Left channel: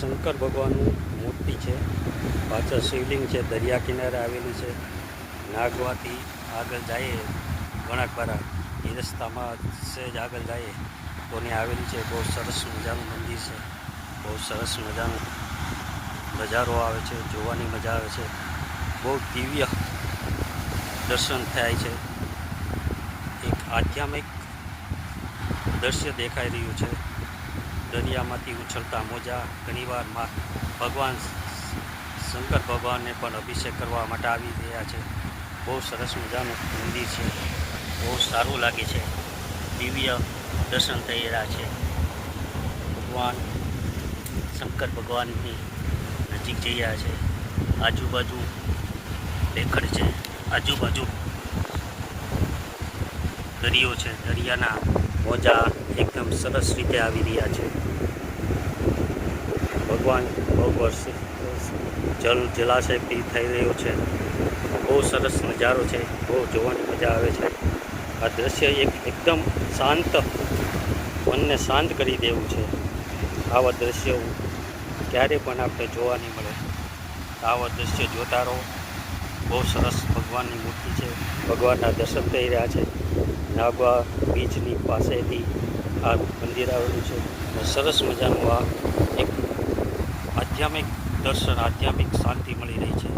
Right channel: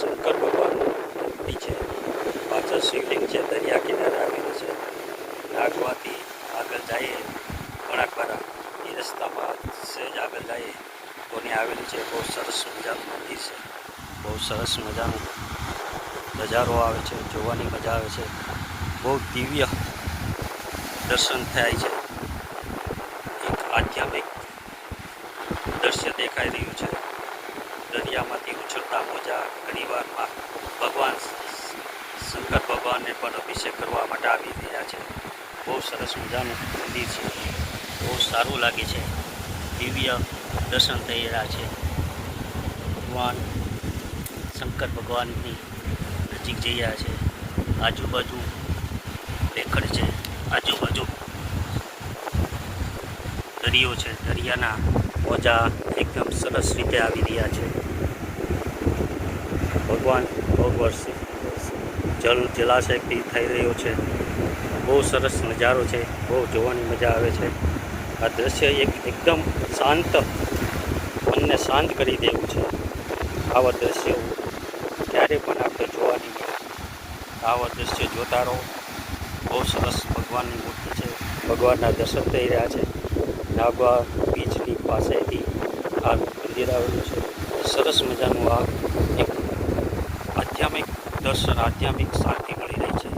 શંકર ભગવાનનું મૂર્તિ છે. પાછળ શિવલિંગ છે. દરિયા કિનારે આવેલું છે. નાગવાથી આગળ જઈએ ઘણા ખરા એ રસ્તામાં સહેજ આગળ જઈએ તો ને આવેલી છે. બહુ સરસ મજાનું મંદિર છે. બહુ સરસ મજાનો નજારો આવે છે. જોવાની મજા આવે છે. બહુ દિવ્ય દર્શન થાય છે. એક આધ્યાત્મિક દ્રશ્ય દેખાઈ રહ્યું છે. દરિયામાંથી ઉછળતા મોજા. ઘણીવાર ભગવાન શંકર ભગવાનને પણ અભિષેક કરવા માટે આવી રહ્યા છે. બહુ સરસ મજાનું મંદિર છે. બહુ સારું લાગે છે. દિવ્ય દર્શન થઈ રહ્યા છે. ભગવાન શંકર ભગવાનની નજીક જઈ રહ્યા છે. આજુબાજુ દેખડ છે. આજુબાજુ દરિયો છે. દરિયાના મોજા એકદમ સરસ રીતે આવી રહ્યા છે. ભગવાન બહુ વર્ષે જલાશયથી થઈ રહ્યો છે. બહુ સરસ નજારો છે. બહુ જોવાની મજા આવે છે. આ દ્રશ્ય એકદમ શાંત, મનને શાંત કરી દેવું છે. આવા દ્રશ્યો ક્યારે પણ આપણે જોવા નહીં મળે. આવા દ્રશ્ય જોતા રહો. બહુ સરસ ભગવાનની મૂર્તિ છે. ભગવાનના દર્શન થઈ રહ્યા છે. નાગવા બીચની પાસેથી આ મંદિર આવેલું છે. સરસ મજાનું આ એક આધ્યાત્મિક દર્શન, આધ્યાત્મિક શાંતિ મળી રહી છે.